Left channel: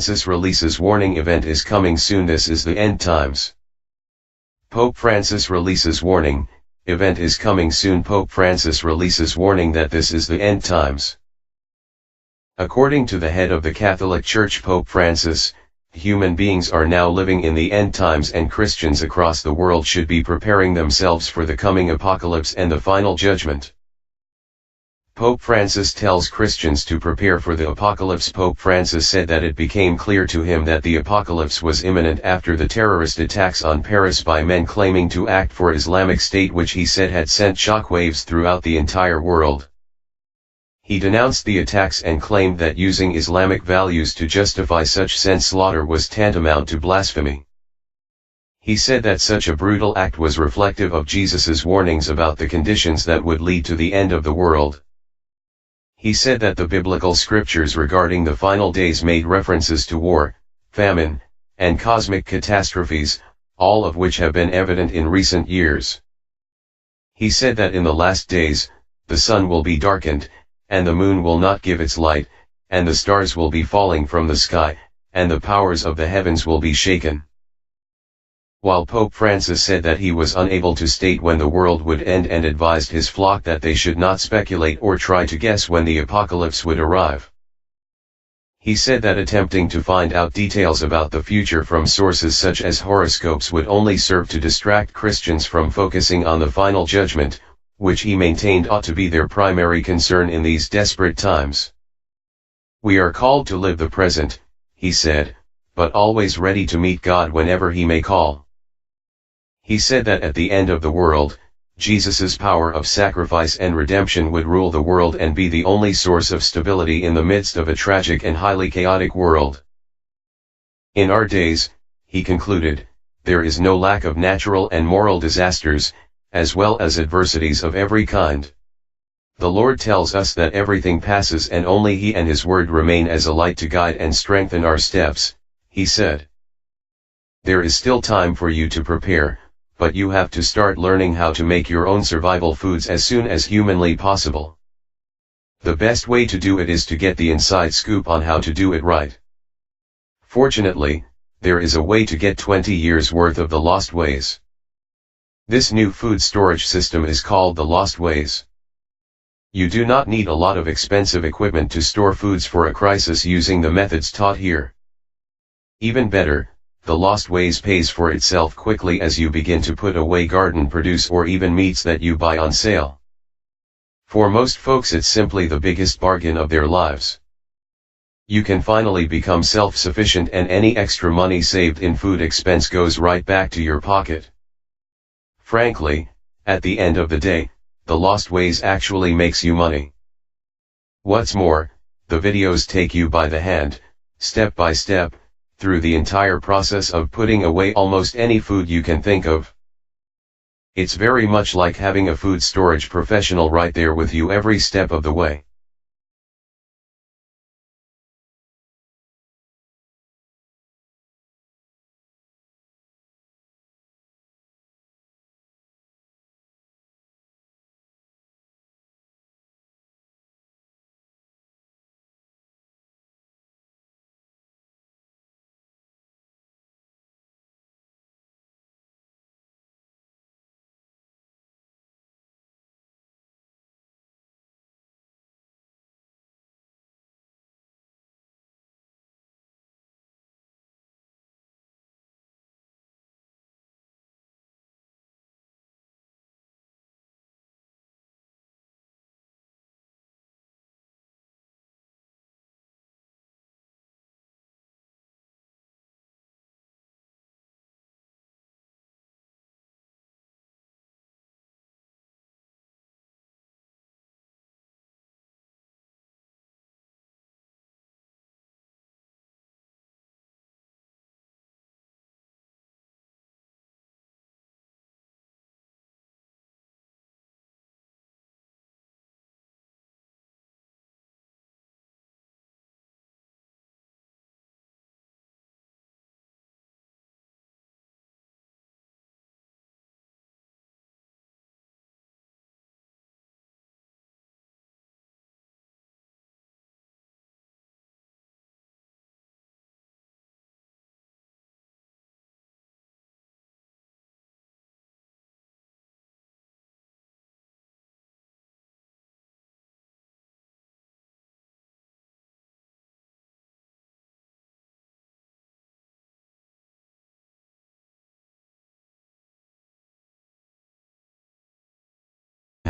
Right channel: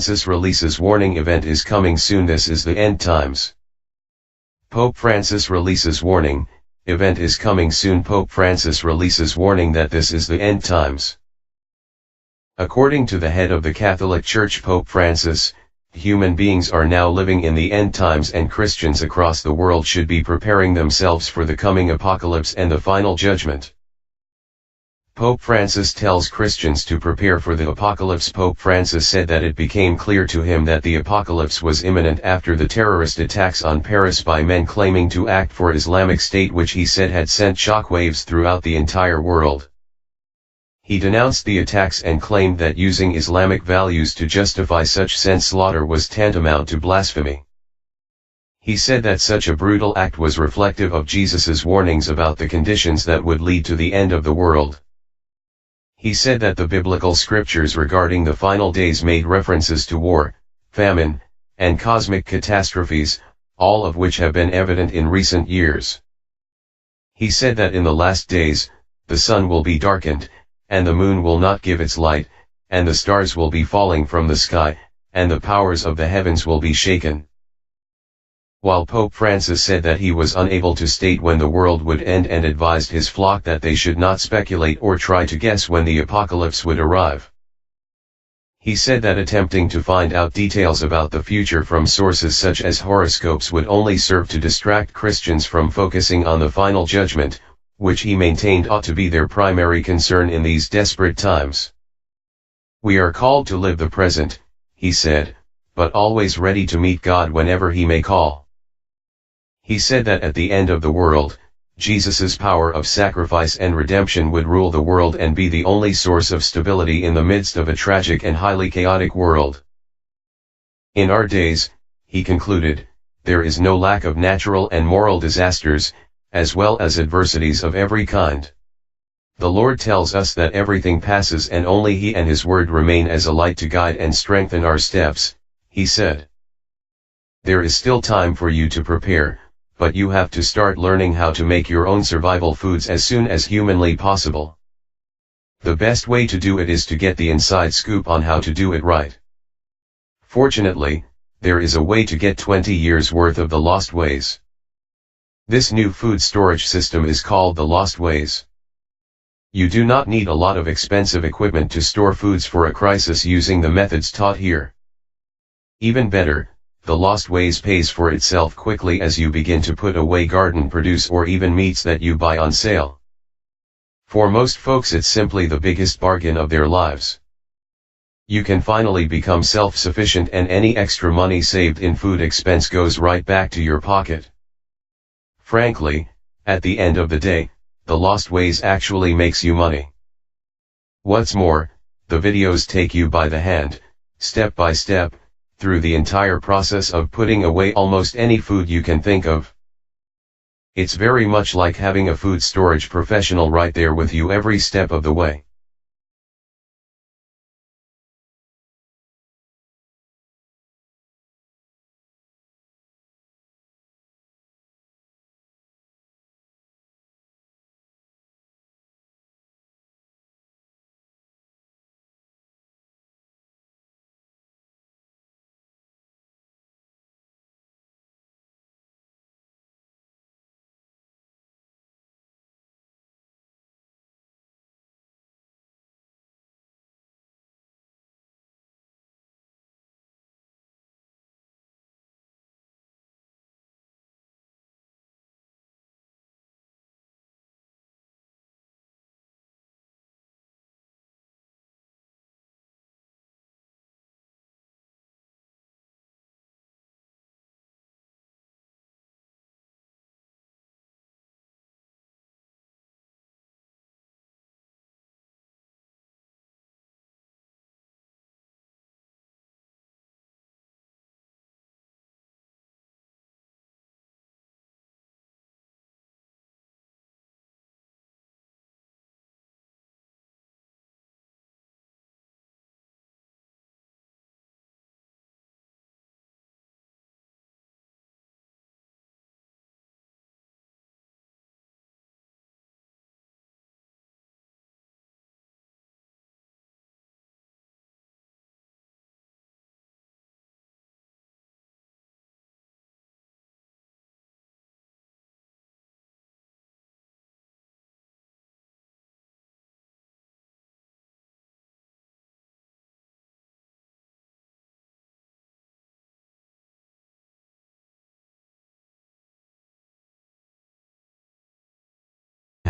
Francis releases warning event is coming soon, this is the end times. Pope Francis releases warning, event is coming soon. Pope Francis releases warning that this is the end times. According to the head of the Catholic Church, Pope Francis, human beings are now living in the end times and Christians across the world should be preparing themselves for the coming apocalypse and the final judgment. Pope Francis tells Christians to prepare for the apocalypse. Pope Francis said that it became clear to him that the apocalypse was imminent after the terrorist attacks on Paris by men claiming to act for Islamic State, which he said had sent shockwaves throughout the entire world. He denounced the attacks and claimed that using Islamic values to justify such senseless slaughter was tantamount to blasphemy. He said that such a brutal act was reflective of Jesus's warnings about the conditions that would lead to the end of the world. He said that the biblical scriptures regarding the final days made references to war, famine, and cosmic catastrophes, all of which have been evident in recent years. He said that in the last days, the sun will be darkened, and the moon will not give its light, and the stars will be falling from the sky, and the powers of the heavens will be shaken. While Pope Francis said that he was unable to state when the world would end and advised his flock that they should not speculate or try to guess when the apocalypse would arrive. He said that attempting to find out details about the future from sources such as horoscopes would only serve to distract Christians from focusing on the final judgment, which he maintained ought to be their primary concern in these desperate times. We are called to live the present, he said, but always ready to meet God whenever he may call. He said that at the end of the world, Jesus's power of sacrifice and redemption would rule the world and be the only source of stability in the midst of a tragic and highly chaotic world. In our days, he concluded, there is no lack of natural and moral disasters, as well as adversities of every kind. The Lord tells us that everything passes and only He and His Word remain as a light to guide and strengthen our steps, he said. There is still time for you to prepare, but you have to start learning how to make your own survival foods as soon as humanly possible. The best way to do it is to get the inside scoop on how to do it right. Fortunately, there is a way to get 20 years worth of the lost ways. This new food storage system is called the Lost Ways. You do not need a lot of expensive equipment to store foods for a crisis using the methods taught here. Even better, the Lost Ways pays for itself quickly as you begin to put away garden produce or even meats that you buy on sale. For most folks it's simply the biggest bargain of their lives. You can finally become self-sufficient and any extra money saved in food expense goes right back to your pocket. Frankly, at the end of the day, the Lost Ways actually makes you money. What's more, the videos take you by the hand, step by step, through the entire process of putting away almost any food you can think of. It's very much like having a food storage professional right there with you every step of the way.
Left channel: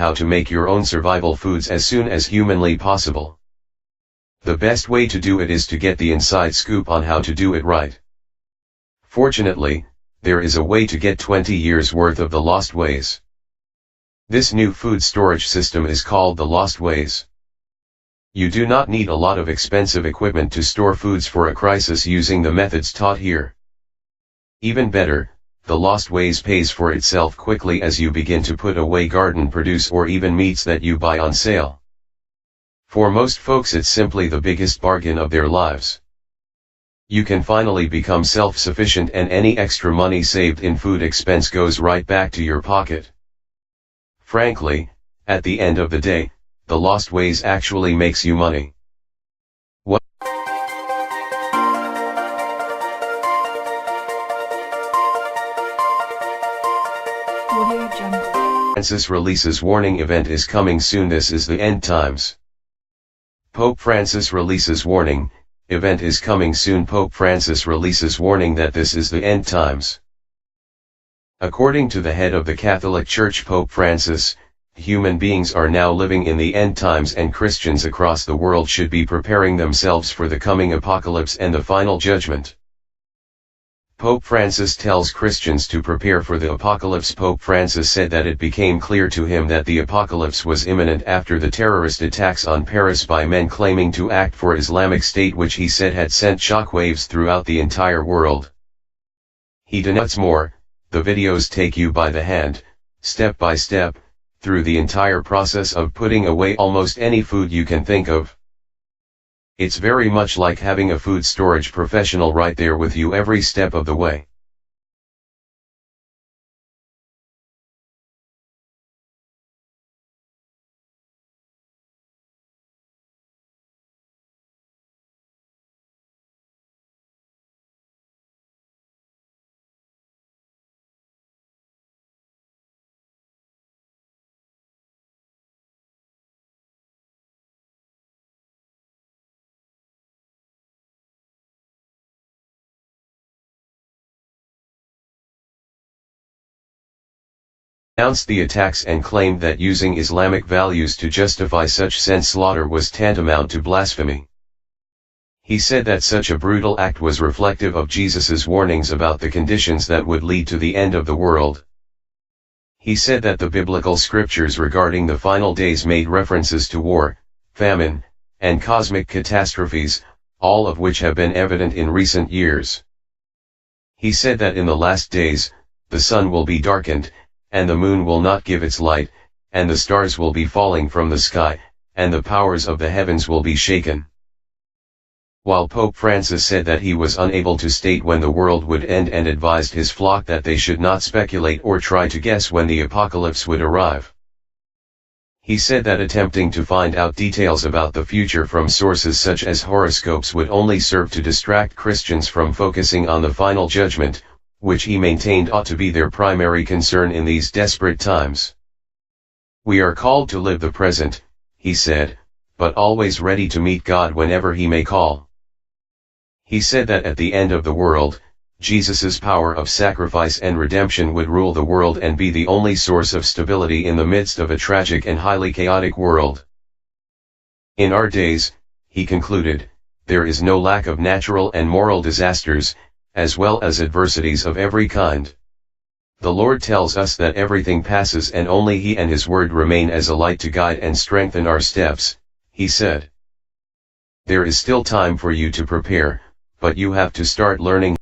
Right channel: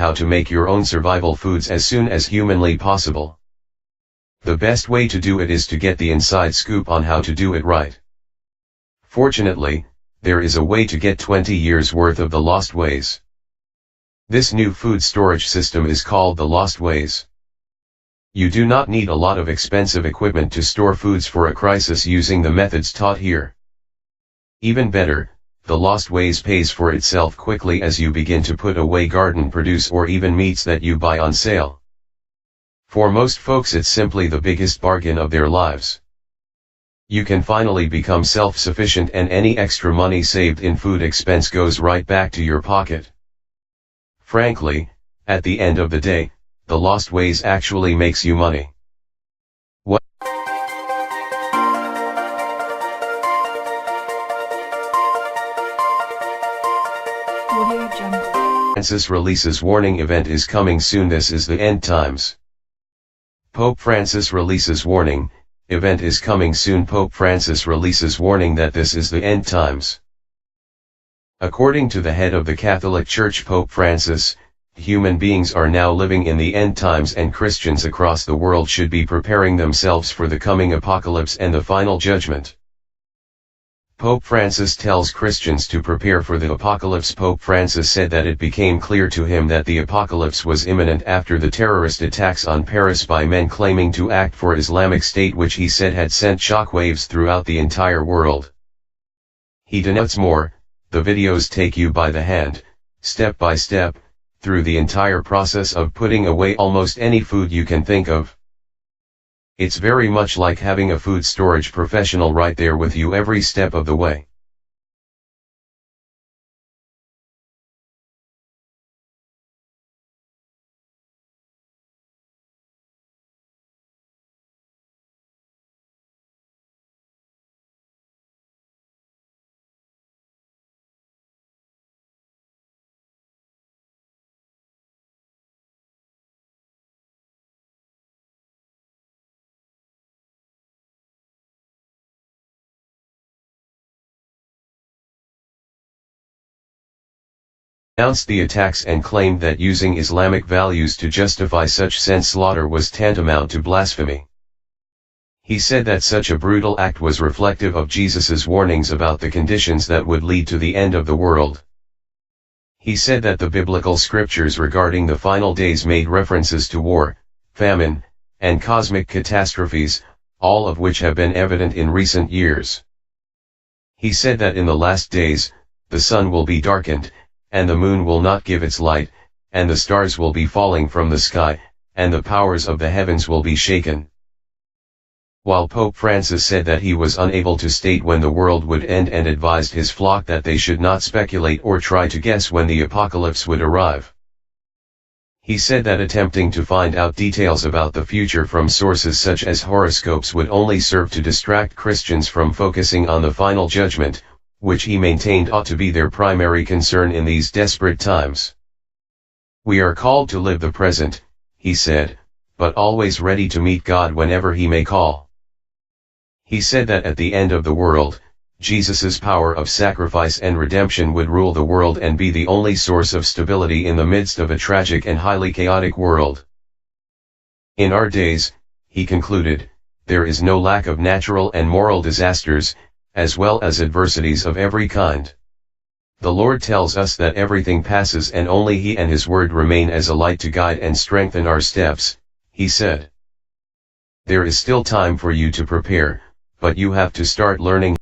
how to make your own survival foods as soon as humanly possible. The best way to do it is to get the inside scoop on how to do it right. Fortunately, there is a way to get 20 years worth of the lost ways. This new food storage system is called the Lost Ways. You do not need a lot of expensive equipment to store foods for a crisis using the methods taught here. Even better, the Lost Ways pays for itself quickly as you begin to put away garden produce or even meats that you buy on sale. For most folks it's simply the biggest bargain of their lives. You can finally become self-sufficient and any extra money saved in food expense goes right back to your pocket. Frankly, at the end of the day, the Lost Ways actually makes you money. What? Francis releases warning event is coming soon. This is the end times. Pope Francis releases warning, event is coming soon. Pope Francis releases warning that this is the end times. According to the head of the Catholic Church, Pope Francis, human beings are now living in the end times and Christians across the world should be preparing themselves for the coming apocalypse and the final judgment. Pope Francis tells Christians to prepare for the apocalypse. Pope Francis said that it became clear to him that the apocalypse was imminent after the terrorist attacks on Paris by men claiming to act for Islamic State, which he said had sent shockwaves throughout the entire world. He denotes more, the videos take you by the hand, step by step, through the entire process of putting away almost any food you can think of. It's very much like having a food storage professional right there with you every step of the way. Announced the attacks and claimed that using Islamic values to justify such senseless slaughter was tantamount to blasphemy. He said that such a brutal act was reflective of Jesus's warnings about the conditions that would lead to the end of the world. He said that the biblical scriptures regarding the final days made references to war, famine, and cosmic catastrophes, all of which have been evident in recent years. He said that in the last days, the sun will be darkened, and the moon will not give its light, and the stars will be falling from the sky, and the powers of the heavens will be shaken. While Pope Francis said that he was unable to state when the world would end and advised his flock that they should not speculate or try to guess when the apocalypse would arrive. He said that attempting to find out details about the future from sources such as horoscopes would only serve to distract Christians from focusing on the final judgment, which he maintained ought to be their primary concern in these desperate times. We are called to live the present, he said, but always ready to meet God whenever he may call. He said that at the end of the world, Jesus's power of sacrifice and redemption would rule the world and be the only source of stability in the midst of a tragic and highly chaotic world. In our days, he concluded, there is no lack of natural and moral disasters, as well as adversities of every kind. The Lord tells us that everything passes and only He and His Word remain as a light to guide and strengthen our steps, he said. There is still time for you to prepare, but you have to start learning